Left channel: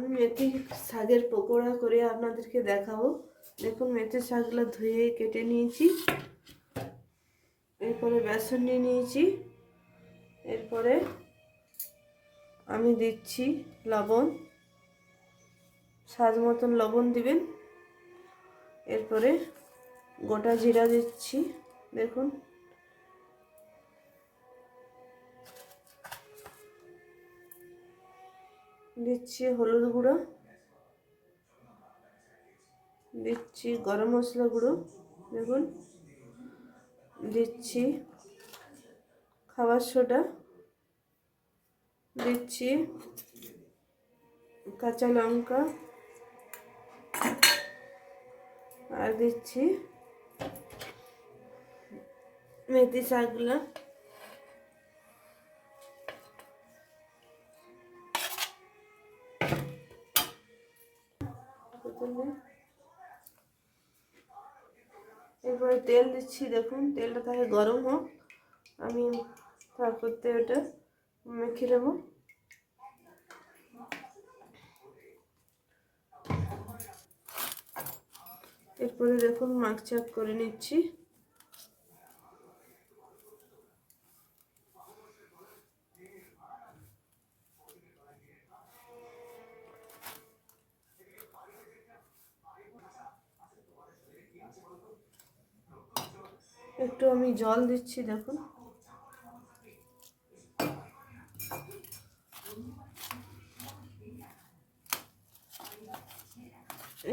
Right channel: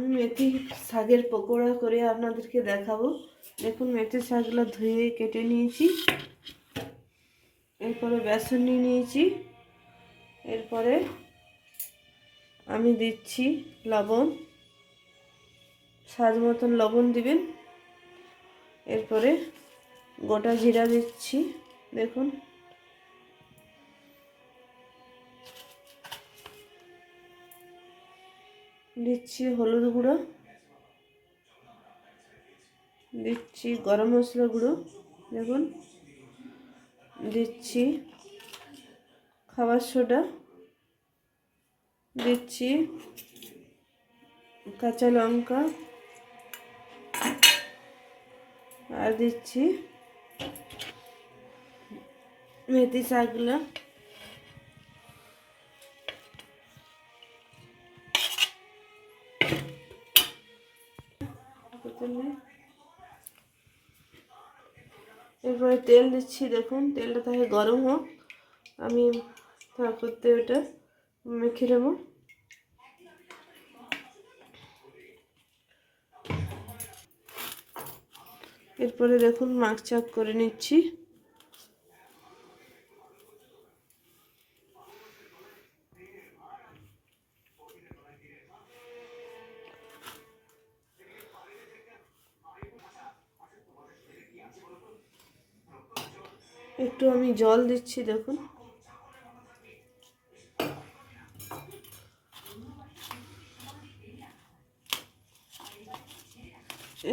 আমি মেথি শাকের পকোড়া করে আপনাদেরকে দেখাবো। দেখুন, মেথি শাকগুলো ধুয়ে কেটে নিয়েছি। এরপরে বেসন নিয়ে নিয়েছি। এরপরে আমি দিচ্ছি লবণ। স্বাদ মতন লবণ দিবেন। এরপরে গোটা জিরা দিচ্ছি। দেখুন দিচ্ছি হলুদ গুঁড়ো। দিচ্ছি গরম মশলা গুঁড়ো, দেখুন। দিচ্ছি খাবার সোডা। দিচ্ছি কাঁচা লঙ্কা। আর দিচ্ছি মেথি শাকগুলো এরপরে তেল দিচ্ছি, দেখুন, তেলটা তাকে গরম হোক। আমি তা করতে এটা মেখে নেব। এরপরে দেখুন মাছ চাপ করে নিচ্ছি। একটু আমি জল দিচ্ছি দেখুন।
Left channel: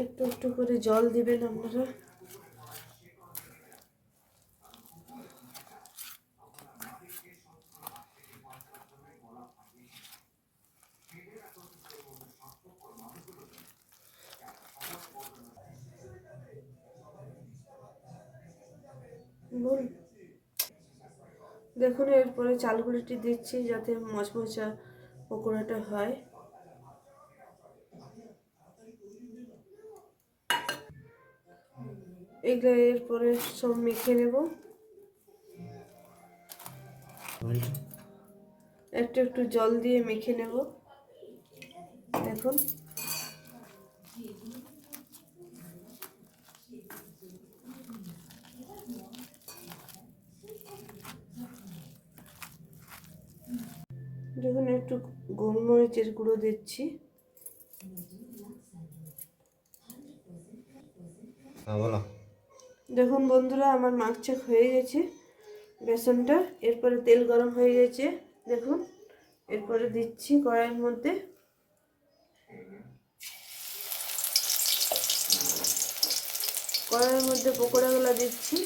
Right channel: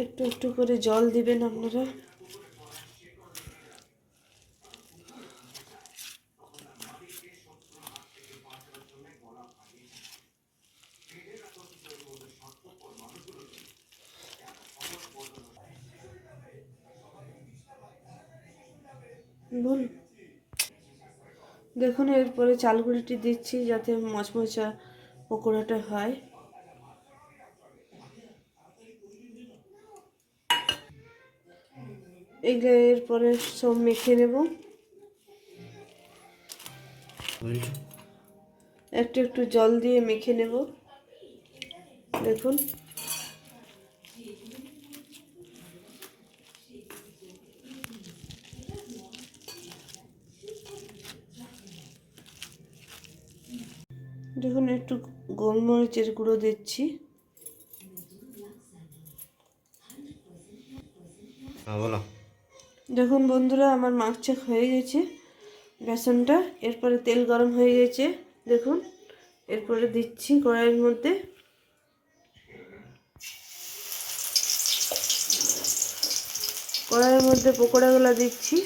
একটু একটু করে জল দিবেন আপনারা। বলুন দেখুন, এরপরে চালগুলিটি দিচ্ছি যাতে মচমচা পকোড়াটা হয়। এগুলো এরপরে সব মেখে নেব। একটু একটু জল দিয়ে মেখে নেব। দেখুন দেখুন একটু গোলমরিচের গুঁড়ো দিচ্ছি। হ্যাঁ বলো। দেখুন বন্ধুরা আমার মাছ চাক হয়ে গেছে বেসনটা। এরপরে তেল গরম হয়ে গেছে দেখুন। এরপরে দিচ্ছি কড়াইয়ের মধ্যে। কড়াইয়ের মধ্যে পকোড়াগুলো দিচ্ছি।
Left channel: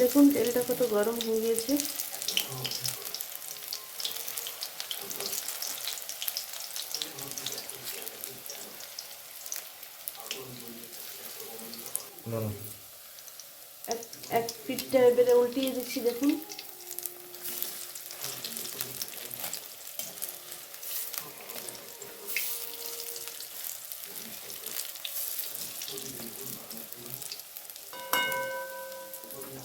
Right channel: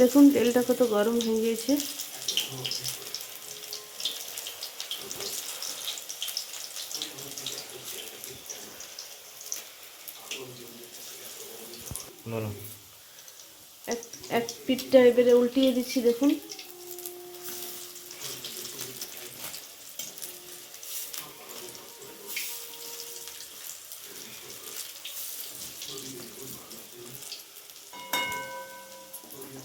দেখুন তেলটা কত গরম হয়ে গিয়েছে। এক এক পিঠটা এবারে উল্টিয়ে দিচ্ছি দেখুন।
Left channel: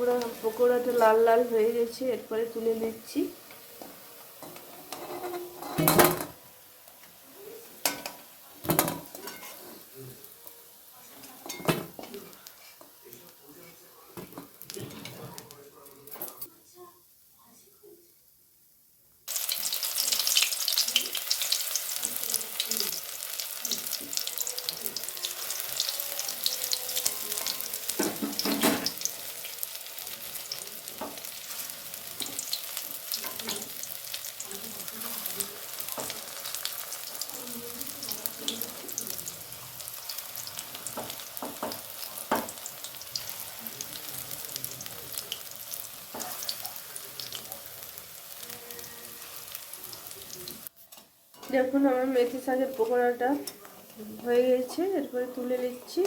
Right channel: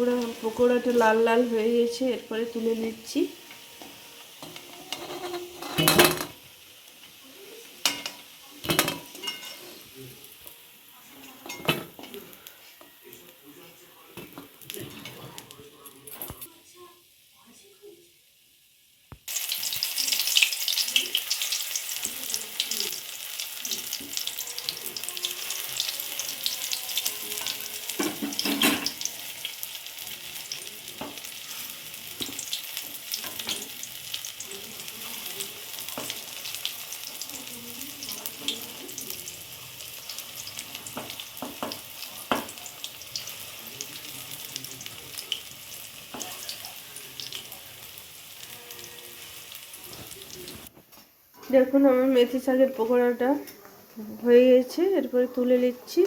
পকোড়া পকোড়াটা লাল লাল হয়ে গেছে এরপরে তুলে নিচ্ছি। দেখুন আমার মেথি শাকের পকোড়াটা হয়ে গেছে এরপরে তুলে নিচ্ছি।